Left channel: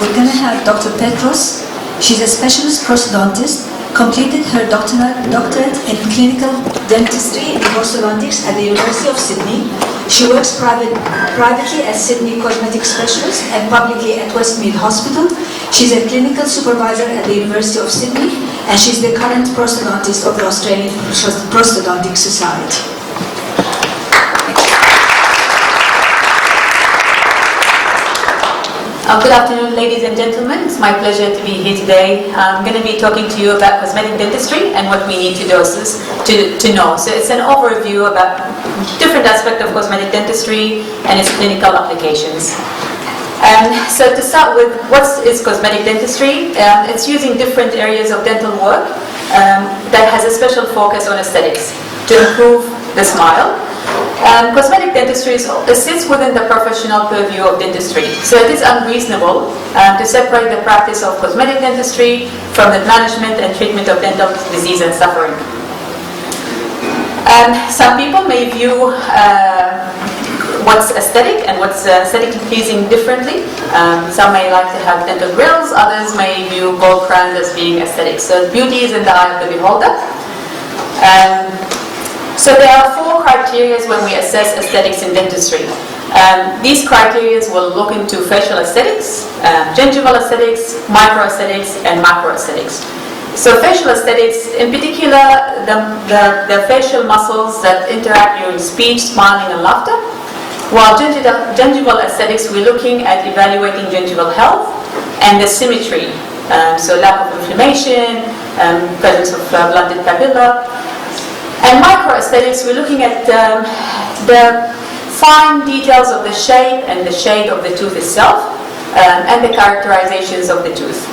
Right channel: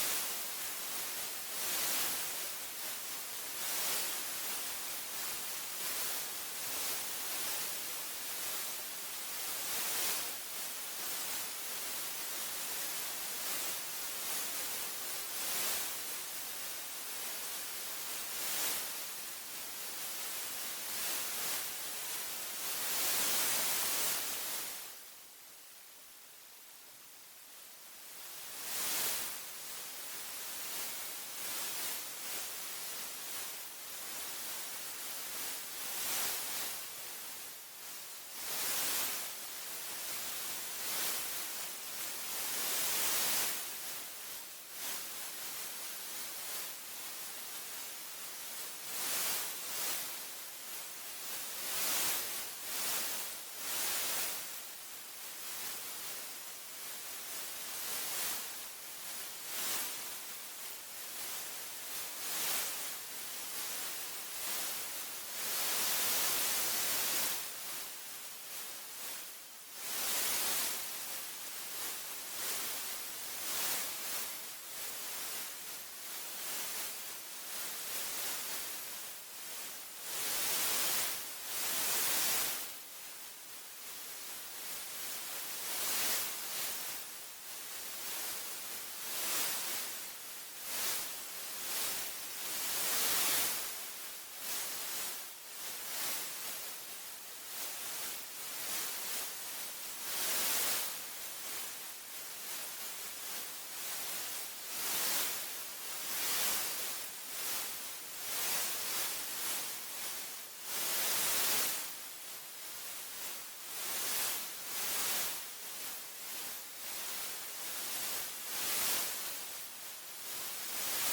we're going to have Dr. Potres. She's a specialist prosthodontist, completed her doctorate in clinical dentistry and orthodontics at the University of Sydney. She works privately as Sydney cosmetic specialist and publicly at Westmead Hospital. She's a clinical supervisor at the University of Sydney, and she's the current prosthodontist of the Australian Prosthodontic Society. Good afternoon, ladies and gentlemen. It's my pleasure to be here today. I'm going to be talking to you about cosmetic dentistry and what we need to know. So it's an overview about different aspects of cosmetic dentistry and its clinical applications. So to start with, what is cosmetic dentistry? It's using different areas of dental work that has a special focus on aesthetics to improve the smile. Cosmetic dentistry sits within the professional purview of dentistry, so it is unreasonable to separate the practice of cosmetic dentistry from the management and treatment of dental disease and suffering. Some people may view what's aesthetic and what's aesthetically pleasing differently. Some may like to have dental grills, others may view gold crowns as being aesthetic. So beauty is in the eye of the beholder. So there are 4 criteria when we assess aesthetics in dentistry. These criteria will look into facial aesthetics, gingival aesthetics, microaesthetics, and macroaesthetics. So facial aesthetics, in particular, the facial muscles that interact during speech, smiling, and laughter. While gingival aesthetics, we're looking at evaluating gingival health and the symmetry. So lack of inflammation, presence of blunted papilla. And microaesthetics, we're looking at the fine details of the shape and the shade of the tooth itself, and the characterizations of the tooth.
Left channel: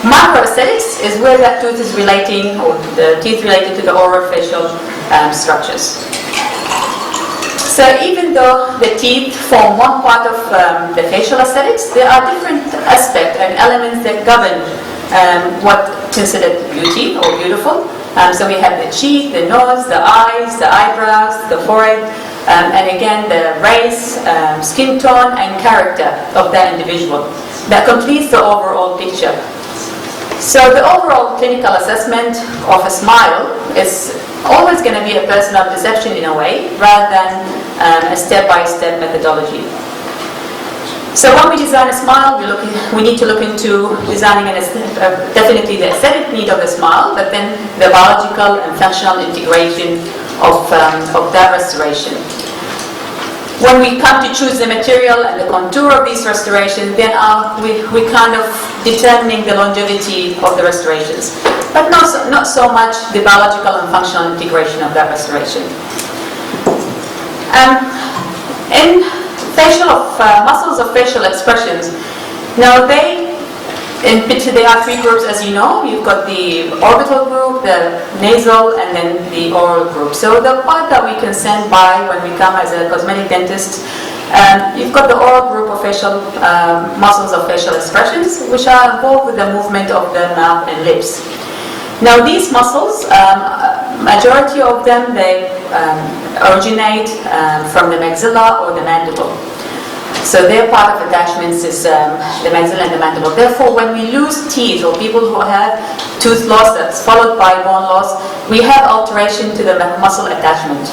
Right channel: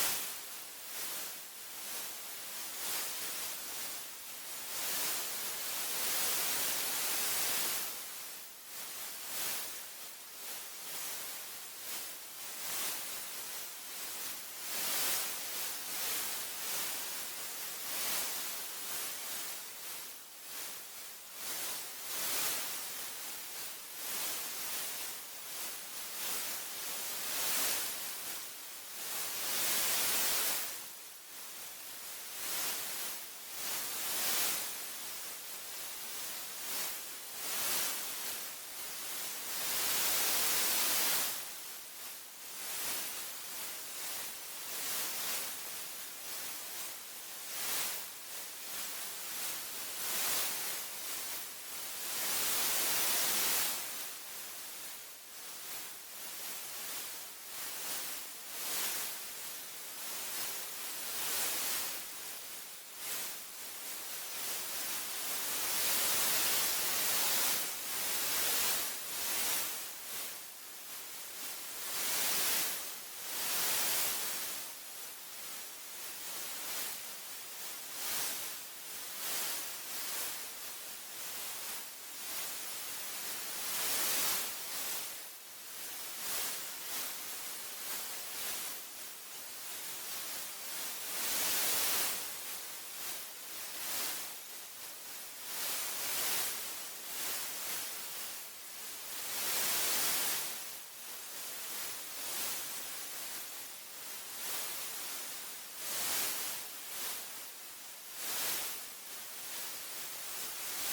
Macroaesthetics is where that tooth is relating, or the teeth related to the oral facial structures. So even though the teeth form one part of the facial aesthetics, there are different aspects and elements that govern what considered beauty or beautiful. So we have the cheek, the nose, the eyes, the eyebrows, the forehead, and again the race, skin tone, and character of that individual. That completes the overall picture. So the overall clinical assessment of a smile is always going to be a personal perception in a way, rather than a step-by-step methodology. So when we design a smile, we need to look into designing definitely the aesthetic need of the smile, but then the biological and functional integration of that restoration. When we come to choose the material and the contour of these restorations, then we kind of determining the longevity of the restorations, but not so much the biological and functional integration of that restoration. In muscles of facial expressions. Now there are 3 groups, as you know. You've got the orbital group, the nasal, and then the oral group. So the part that we can stand by when we come as a cosmetic dentist, you've got the oral group of facial muscles of facial expressions, which are involved with the movement of the mouth and lips. Now these muscles, majority of them, they originate from the maxilla or the mandible. So their part of attachments is the maxilla and the mandible. Therefore, when we lose teeth, or people who have tooth loss that's followed by bone loss, we have alteration to the muscle attachment.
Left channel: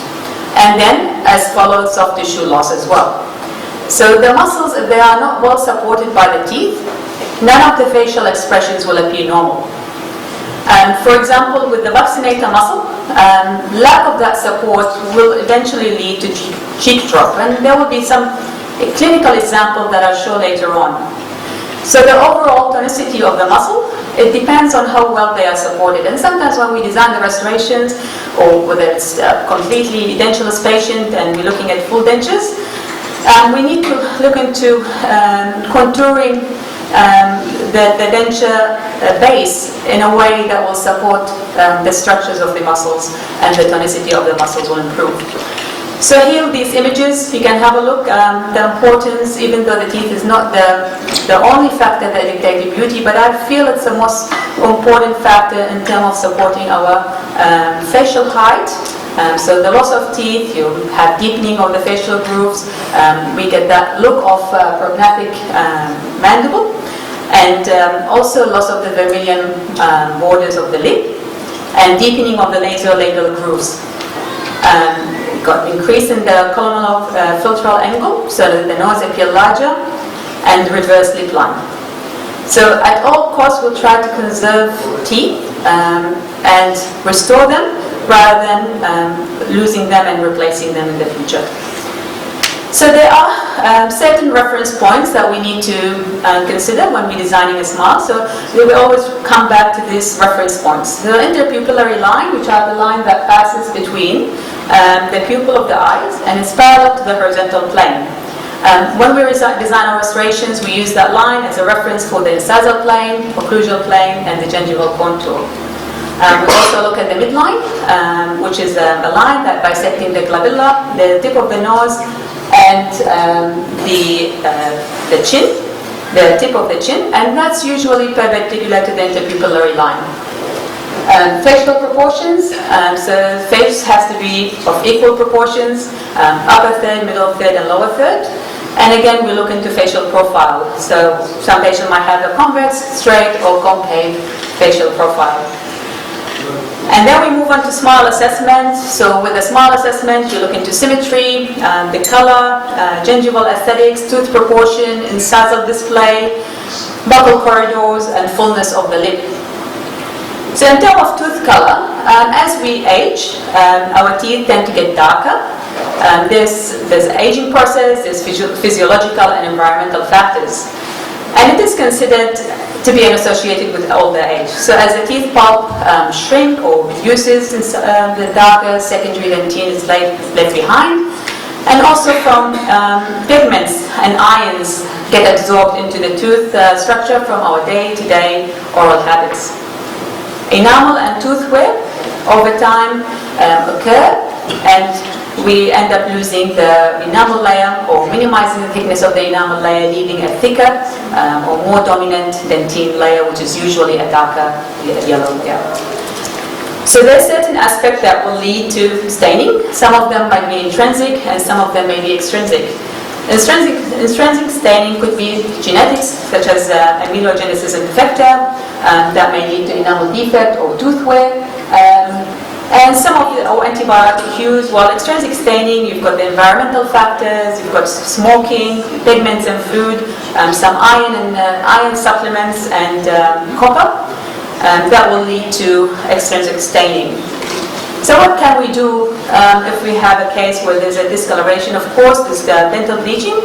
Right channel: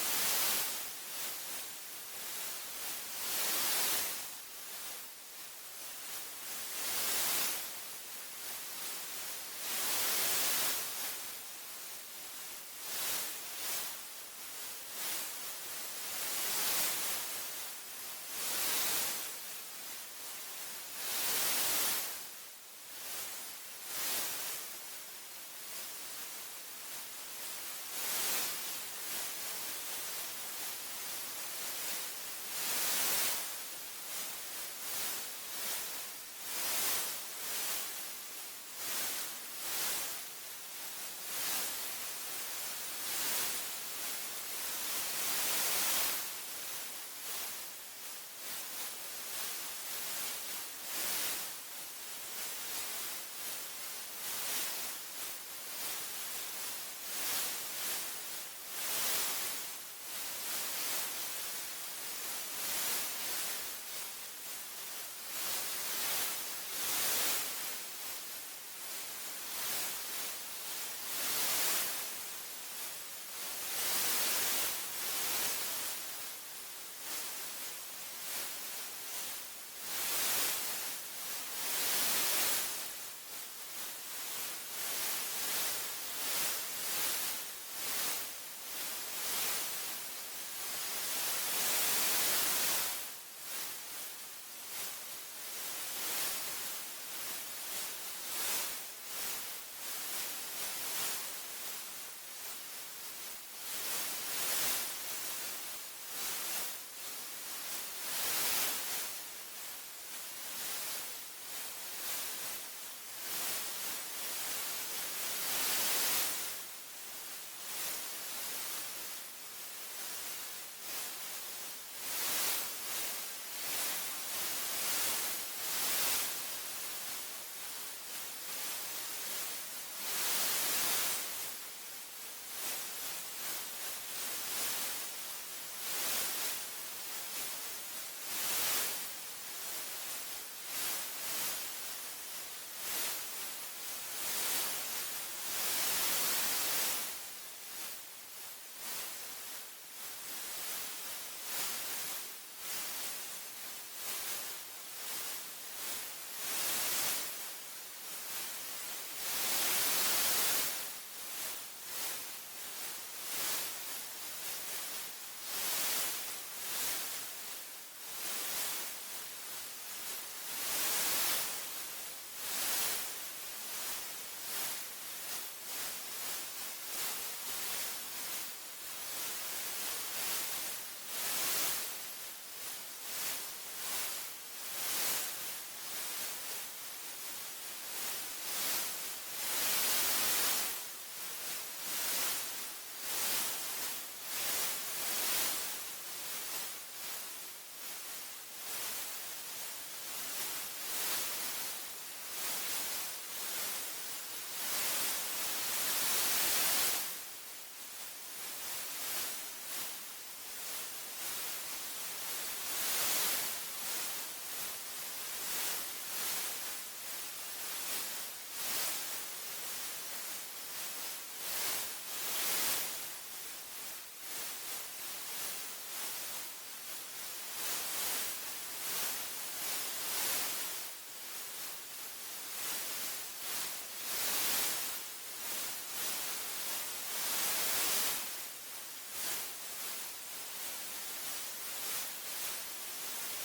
And then, as follows, soft tissue loss as well. So the muscles, if they are not well supported by the teeth, none of the facial expressions will appear normal. For example, with the vaccinator muscle, lack of that support will eventually lead to cheek drop, and there will be some clinical examples that I'll show later on. So the overall tonicity of the muscle, it depends on how well they are supported. And sometimes when we design the restorations, or whether it's completely edentulous patient and we're looking at full dentures, we need to look into contouring the denture base in a way that will support the structures of the muscles, and the tonicity of the muscles will improve. So here, these images, you can have a look. The importance, even though the teeth is not the only factor that dictates beauty, but I feel it's the most important factor in terms of supporting our facial height. So the loss of teeth, you have deepening of the facial grooves, we get that look of prognathous mandible. and also loss of the vermilion borders of the lip, and deepening of the nasolabial grooves. Got increase in the columnar filtral angle, so that the nose appear larger, and reverse lip line. So at all costs, we'll try to conserve teeth and restore them rather than losing them and replacing them in the future. So there are certain reference points that we need to consider when we're designing a smile. So we will always come back to these reference points. The interpupillary line, which are the line that passes between the pupil of the eyes and is parallel to the horizontal plane. When we design our restorations, we use that line as a reference for the incisal plane, occlusal plane, and the gingival contour. We also look at the midline, which is a line that bisecting the glabella, the tip of the nose, and the chin, the tip of the chin, and that's usually perpendicular to the interpupillary line. Facial proportions, so face has to be of equal proportions, upper third, middle third, and lower third. And again, we look into facial profile. So some patients might have a convex, straight, or concave facial profile. And then we move on to smile assessment. So with the smile assessment, you look into symmetry, the color, gingival aesthetics, tooth proportion, incisal display, buccal corridors, and fullness of the lip. So in terms of tooth color, as we age, our teeth tend to get darker. There's an aging process, there's physiological and environmental factors. And it is considered to be associated with older age. So as the teeth pulp shrink or reduces, the darker secondary dentine is left behind. And also from pigments and ions get absorbed into the tooth structure from our day-to-day oral habits. Enamel and tooth wear over time occur, and we end up losing the enamel layer or minimizing the thickness of the enamel layer, leaving a thicker or more dominant dentine layer, which is usually a darker yellow layer. So there are certain aspects that will lead to staining. Some of them might be intrinsic and some of them may be extrinsic. Intrinsic staining could be genetics, such as amelogenesis imperfecta, that may lead to enamel defect or tooth wear. And some of the antibiotic cues, while extrinsic staining, you've got the environmental factors, you've got smoking, pigments and food, some iron and iron supplements and copper, that will lead to extrinsic staining. So what can we do if we have a case where there's a discoloration? Of course, there's dental bleaching.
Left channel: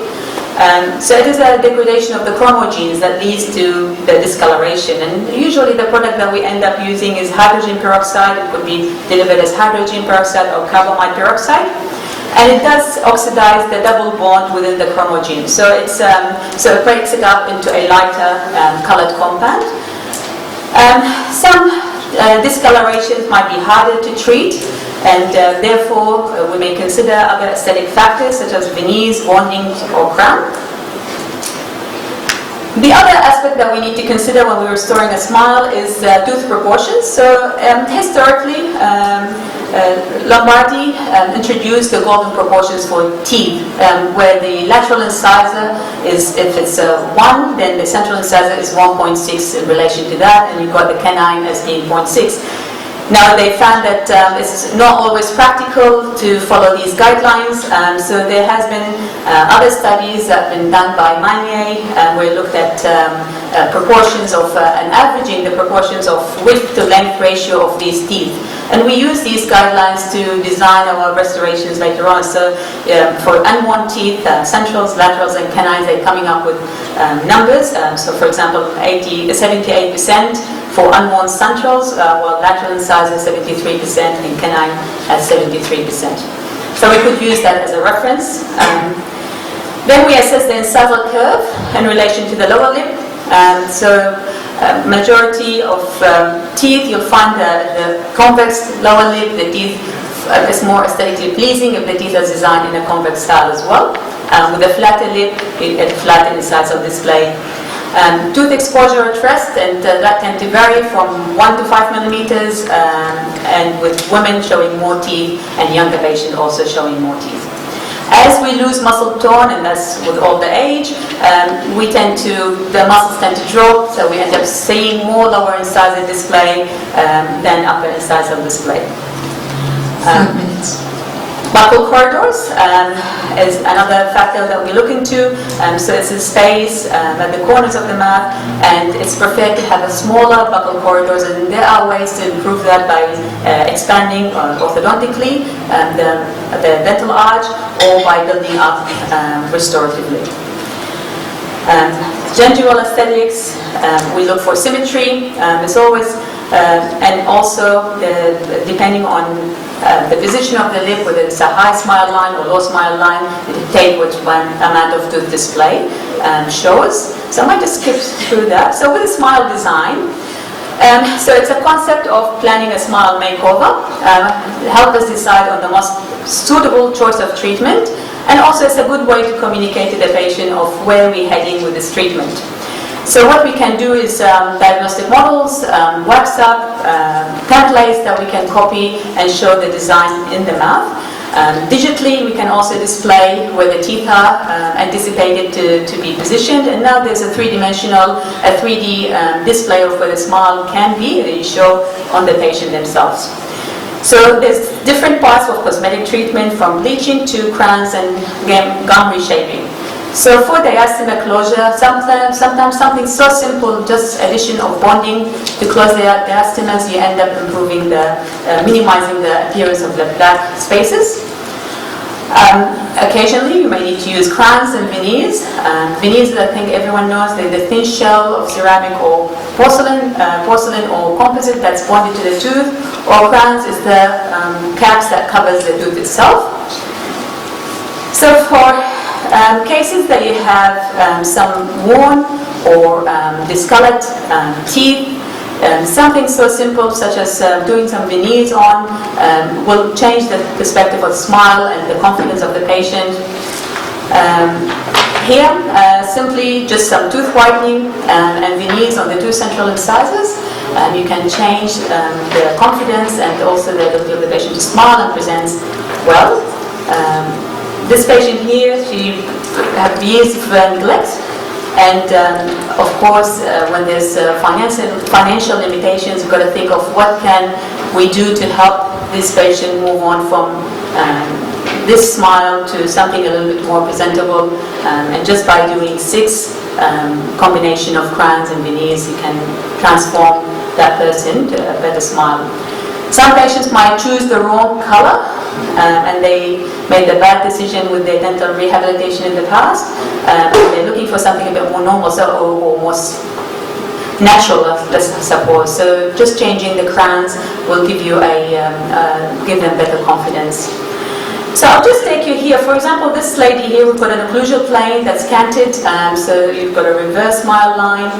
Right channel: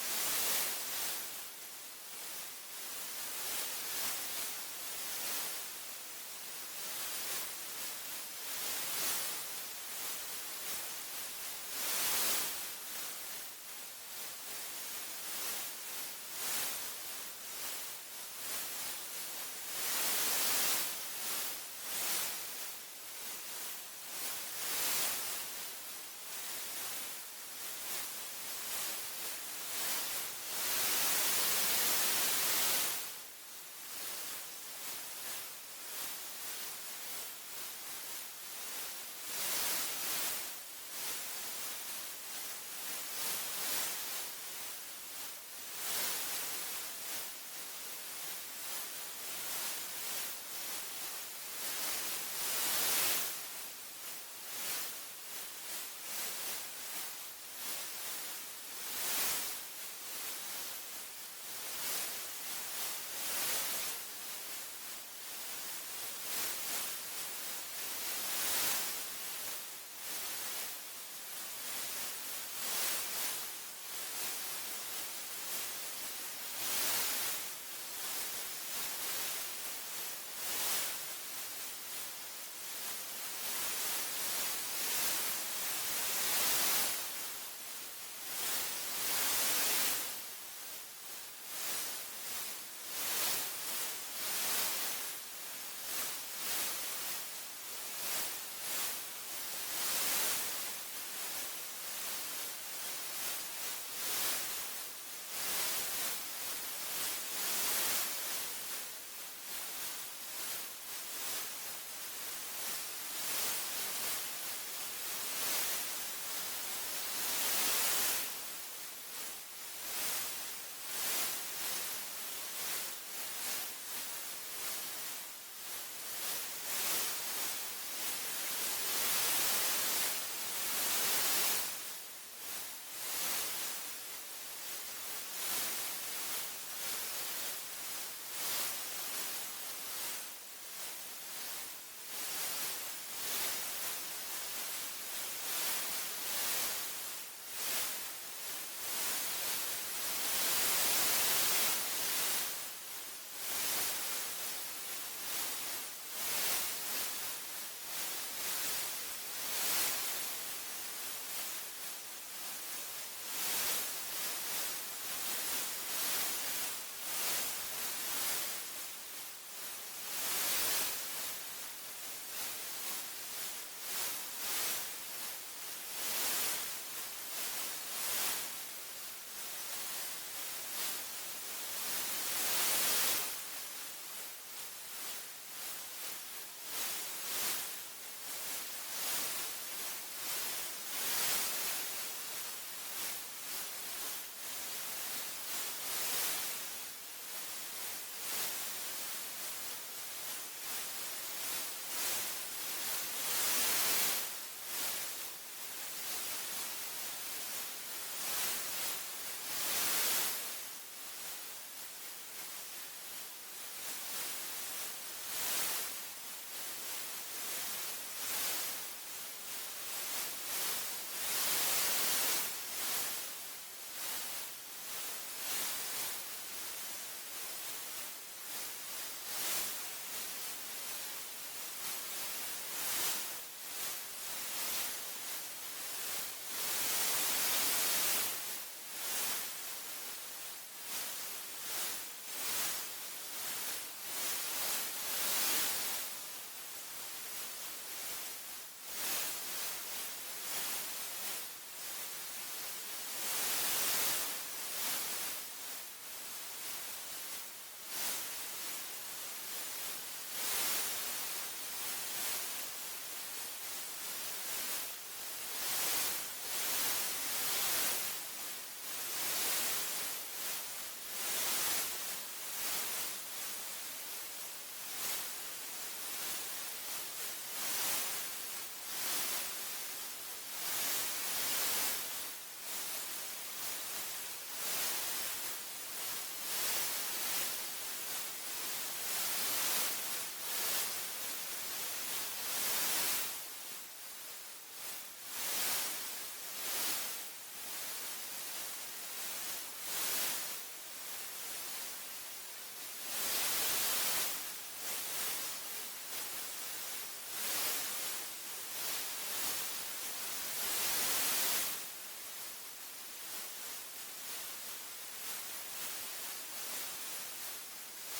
So it is a degradation of the chromogenes that leads to the discoloration. And usually the product that we end up using is hydrogen peroxide. It could be delivered as hydrogen peroxide or carbamide peroxide. And it does oxidize the double bond within the chromogene. So it breaks it up into a lighter colored compound. Some discolorations might be harder to treat, and therefore we may consider other aesthetic factors such as veneers, bonding, or crown. The other aspect that we need to consider when we're restoring a smile is tooth proportions. So historically, Lombardi introduced the golden proportions for teeth, where the lateral incisor is, if it's 1, then the central incisor is 1.6 in relation to that, and you've got the canine as being 0.6. Now they found that it's not always practical to follow these guidelines, so there has been other studies that have been done by Manier, where we looked at proportions of and averaging the proportions of width to length ratio of these teeth. And we use these guidelines to design our restorations later on. So for unworn teeth, centrals, laterals, and canines, they're coming up with numbers. So for example, 78% for unworn centrals, while lateral incisor 73% and canine at 73%. So we could use that as a reference. Then we assess the incisal curve in relation to the lower lip. Majority of teeth, you'll find the convex lower lip, the teeth is more aesthetically pleasing if the teeth are designed in a convex style as well. With a flatter lip, a flat incisal display. Tooth exposure at rest, and that tend to vary from 1 to 5 millimeters, and with women showing more teeth and younger patients also showing more teeth. As we lose muscle tone, and that's with older age, the muscles tend to drop, so we end up seeing more lower incisor display than upper incisor display. 5 minutes. Buccal corridors is another factor that we look into. So it's a space at the corners of the mouth, and it's preferred to have a smaller buccal corridors, and there are ways to improve that by expanding orthodontically the dental arch, or by building up restoratively. Gingival aesthetics, we look for symmetry. It's always, and also depending on the position of the lip, whether it's a high smile line or low smile line, it dictate which one amount of tooth display shows. So I might just skip through that. So with a smile design, so it's a concept of planning a smile makeover. Help us decide on the most suitable choice of treatment, and also it's a good way to communicate to the patient of where we're heading with this treatment. So what we can do is diagnostic models, WhatsApp, templates that we can copy and show the design in the mouth. Digitally, we can also display where the teeth are anticipated to be positioned. And now there's a 3D display of where the smile can be that you show on the patient themselves. So there's different parts of cosmetic treatment, from bleaching to crowns and gum reshaping. So for diastema closure, sometimes something so simple, just addition of bonding to close the diastemas, you end up improving minimizing the appearance of the black spaces. Occasionally, you may need to use crowns and veneers. Veneers, I think everyone knows, they're the thin shell of ceramic or porcelain or composite that's bonded to the tooth. Or crowns is the caps that covers the tooth itself. So for cases that you have some worn or discolored teeth, something so simple such as doing some veneers on will change the perspective of the smile and the confidence of the patient. Here, simply just some tooth whitening and veneers on the two central incisors. You can change the confidence and also the ability of the patient to smile and presents well. This patient here, she had years of neglect, and of course, when there's financial limitations, you've got to think of what can we do to help this patient move on from this smile to something a little bit more presentable. And just by doing 6 combination of crowns and veneers, you can transform that person to a better smile. Some patients might choose the wrong color, and they made a bad decision with their dental rehabilitation in the past. And they're looking for something a bit more normal, or more natural, let's suppose. So just changing the crowns will give you give them better confidence. So I'll just take you here. For example, this lady here, we've got an occlusal plane that's canted, so you've got a reverse smile line,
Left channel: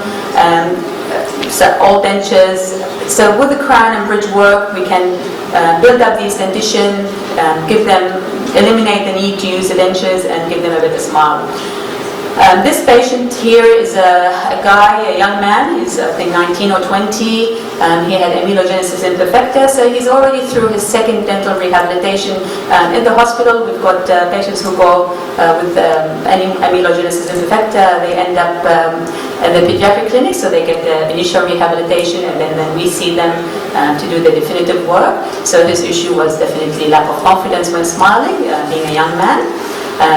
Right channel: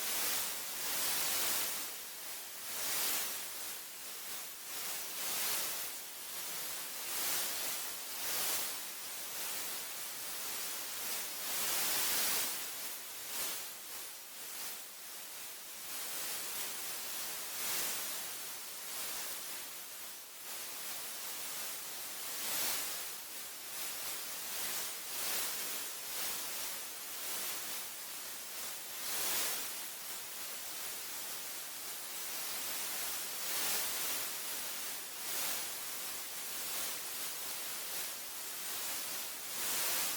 so all dentures. So with the crown and bridge work, we can build up these dentition, eliminate the need to use the dentures and give them a better smile. This patient here is a young man, he's I think 19 or 20, he had amelogenesis imperfecta, so he's already through his second dental rehabilitation. In the hospital, we've got patients who go with amelogenesis imperfecta, they end up at the pediatric clinic, so they get the initial rehabilitation, and then we see them to do the definitive work. So his issue was definitely lack of confidence when smiling, being a young man.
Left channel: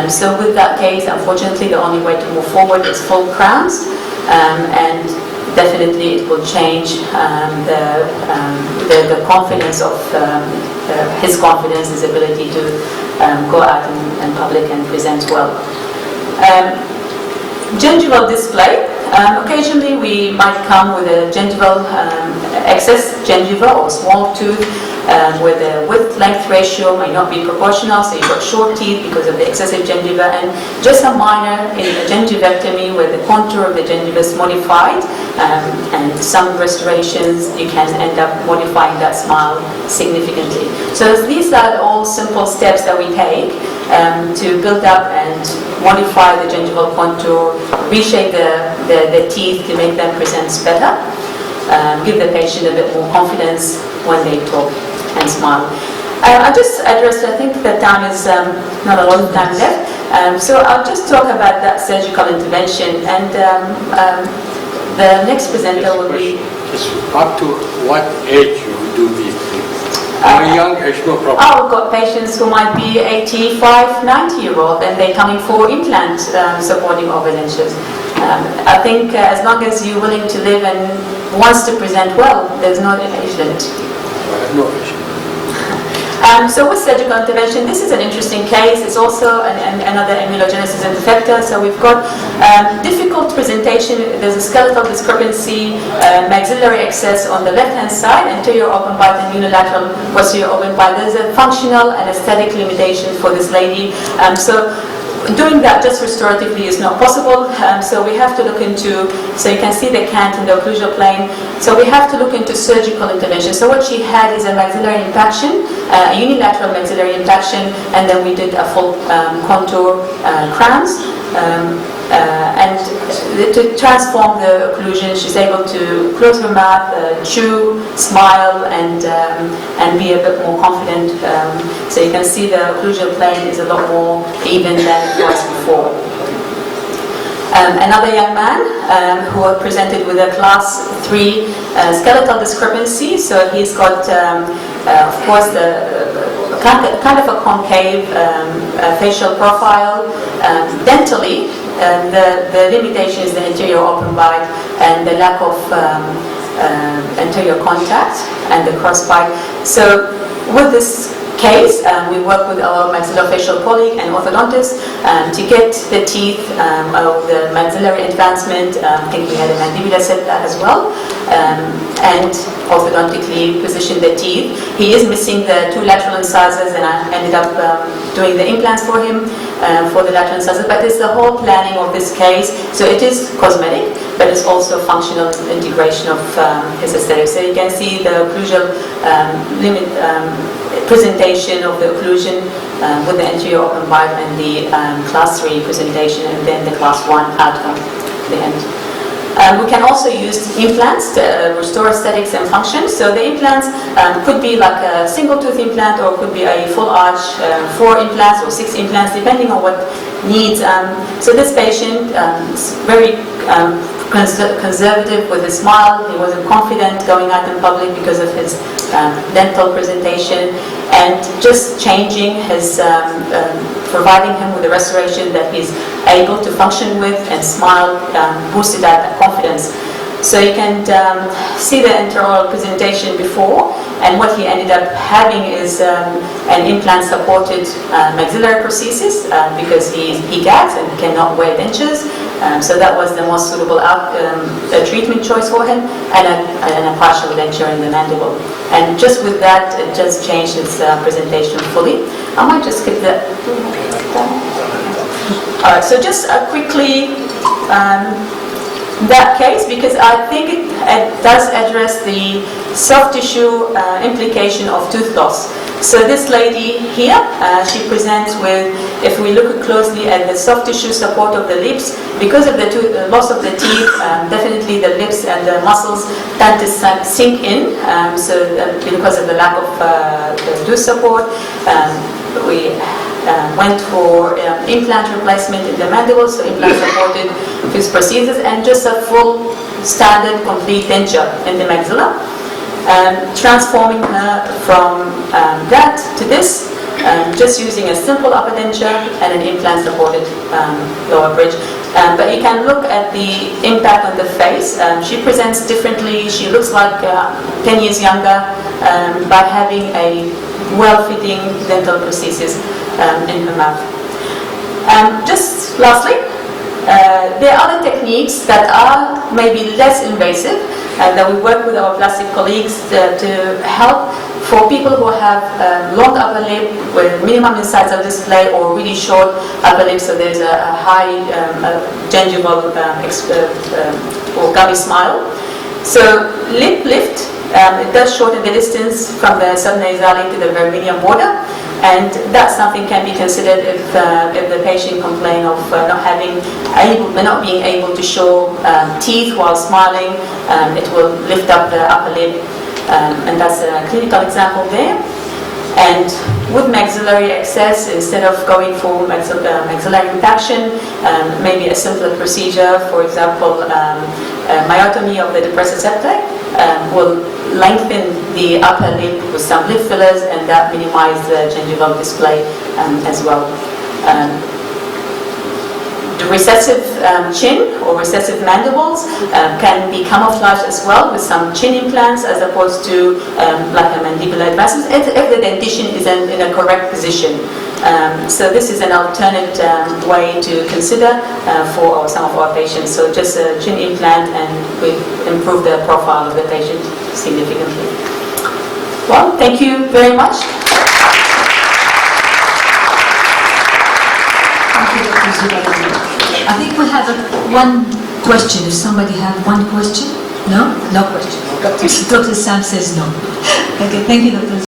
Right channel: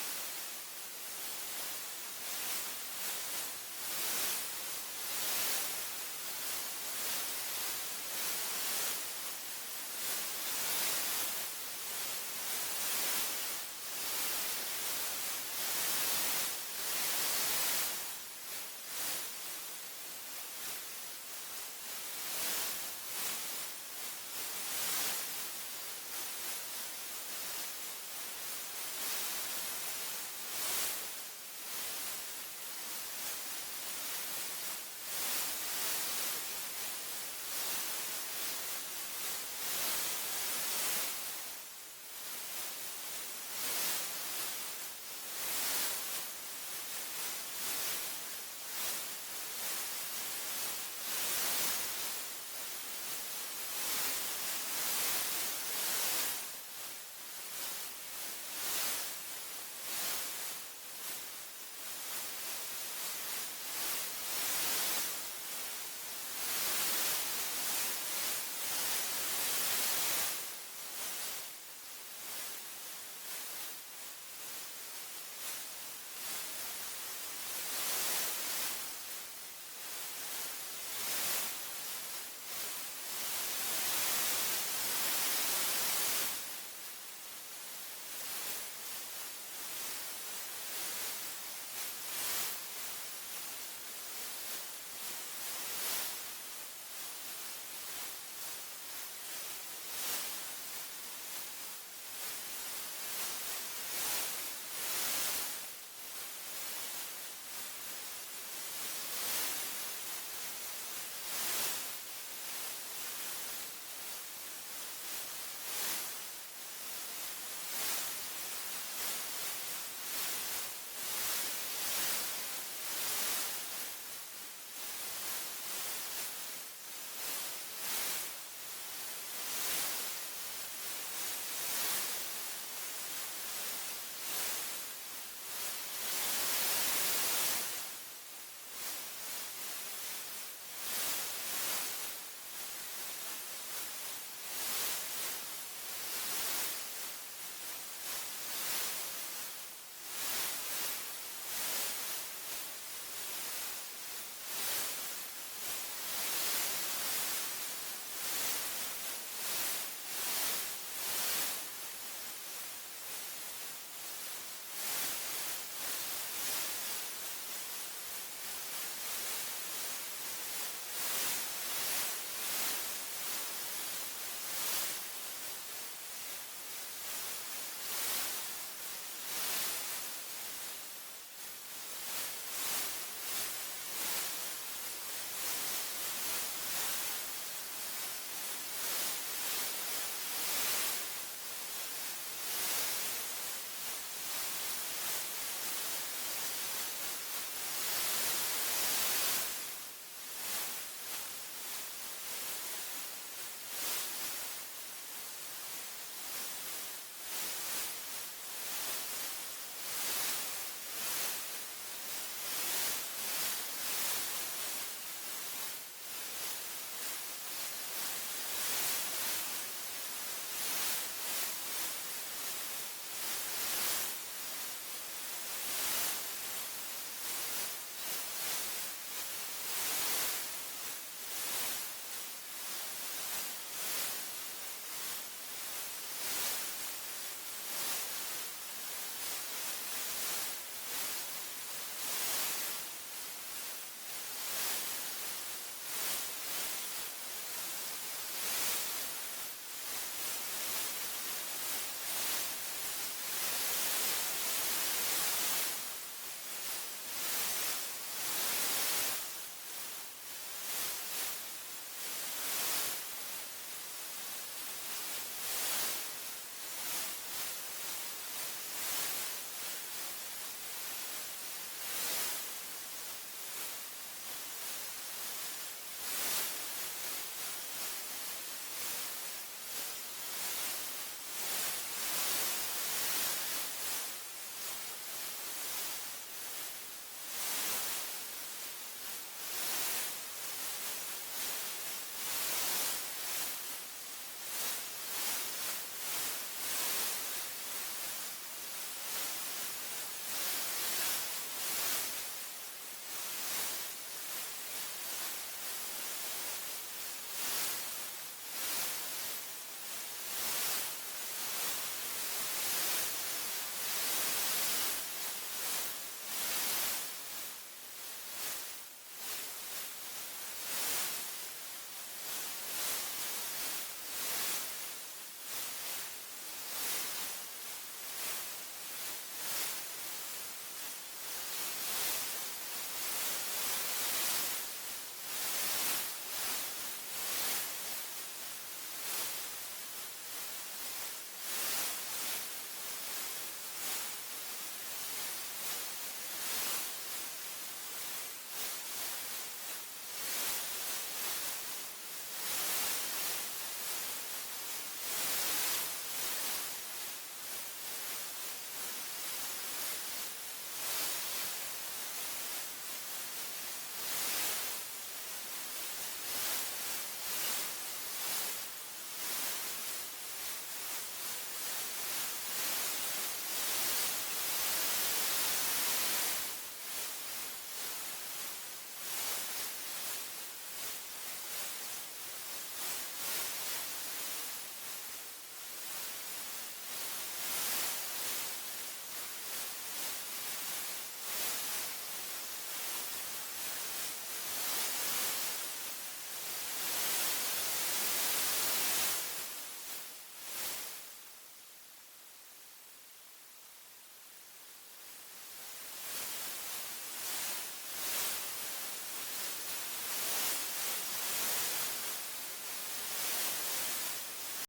So with that case, unfortunately, the only way to move forward is full crowns, and definitely it will change the confidence of his confidence, his ability to go out in public and present well. Gingival display. Occasionally we might come with a gingival excess gingiva or small tooth where the width-length ratio may not be proportional, so you've got short teeth because of the excessive gingiva, and just a minor gingivectomy where the contour of the gingiva is modified, and some restorations you can end up modifying that smile significantly. So these are all simple steps that we take to build up and modify the gingival contour, reshape the teeth to make them present better, give the patient a bit more confidence when they talk and smile. I'll just address, I think the time is not a lot of time left, so I'll just talk about that surgical intervention, and the next presenter will be... Just up to what age you do these things? Young age, no problem. I've got patients who might be 85, 90-year-old, and they're coming for implant supporting overdentures. I think as long as you're willing to live and wants to present well, there's no age limit. No age. So with surgical intervention, this is an interesting case. It's also another amylogenesis imperfecta. So we've got difficult presentation. There's a skeletal discrepancy, maxillary excess on the left-hand side, anterior open bite and unilateral posterior open bite. There's a functional and aesthetic limitation for this lady. So doing that just restoratively is not possible, so we have to look into, so you can see the cant in the occlusal plane, so we have to look into surgical intervention. So what she had is a maxillary impaction, a unilateral maxillary impaction, and then we did a full contour crowns, and to transform the occlusion, she's able to close her mouth, chew, smile, and be a bit more confident. So you can see the occlusal plane is a lot more even than it was before. Another young man who presented with a class 3 skeletal discrepancy. So he's got, of course, the kind of a concave facial profile. Dentally, the limitation is the anterior open bite and the lack of anterior contact and the cross bite. So with this case, we work with our maxillofacial colleague and orthodontist to get the teeth of the maxillary advancement. I think we had a mandibular setback as well, and orthodontically position the teeth. He is missing the 2 lateral incisors, and I ended up doing the implants for him for the lateral incisors. But it's the whole planning of this case. So it is cosmetic, but it's also functional integration of his aesthetics. So you can see the occlusal limit presentation of the occlusion with the anterior open bite and the class 3 presentation, and then the class 1 outcome at the end. We can also use implants to restore aesthetics and function. So the implants could be like a single tooth implant, or could be a full arch, 4 implants or 6 implants, depending on what needs. So this patient is very conservative with his smile. He wasn't confident going out in public because of his dental presentation, and just changing his, providing him with a restoration that he's able to function with and smile, boosted that confidence. So you can see the intraoral presentation before, and what he ended up having is an implant-supported maxillary prosthesis because he gags and cannot wear dentures. So that was the most suitable treatment choice for him, and a partial denture in the mandible. And just with that, it just changed its presentation fully. I might just skip that. All right, so just quickly, that case, because I think it does address the soft tissue implication of tooth loss. So this lady here, she presents with, if we look closely at the soft tissue support of the lips, because of the loss of the teeth, definitely the lips and the muscles tend to sink in, because of the lack of the tooth support. We went for implant replacement in the mandible, so implant supported tooth prosthesis, and just a full standard complete denture in the maxilla. Transforming her from that to this, just using a simple upper denture and an implant-supported lower bridge. But you can look at the impact on the face. She presents differently. She looks like 10 years younger by having a well-fitting dental prosthesis in her mouth. Just lastly, there are other techniques that are maybe less invasive, that we work with our plastic colleagues to help for people who have long upper lip with minimum incisal display or really short upper lip, so there's a high gingival or gummy smile. So lip lift, it does shorten the distance from the subnasale to the vermilion border, and that's something can be considered if the patient complains of not being able to show teeth while smiling. It will lift up the upper lip, and that's a clinical example there. And with maxillary access, instead of going for maxillary impaction, maybe a simpler procedure, for example, myotomy of the depressor septum, will lengthen the upper lip with some lip fillers, and that minimize the gingival display as well. The recessive chin or recessive mandibles can be camouflaged as well with some chin implants, as opposed to like a mandibular advancement if the dentition is in a correct position. So this is an alternate way to consider for some of our patients. So just a chin implant, and we improve the profile of the patient significantly. Well, thank you very much. Thank you, Dr. Zoe. I think we have one question. If somebody have one question? No? No question. Dr. Sam says no. Okay, thank you, Dr.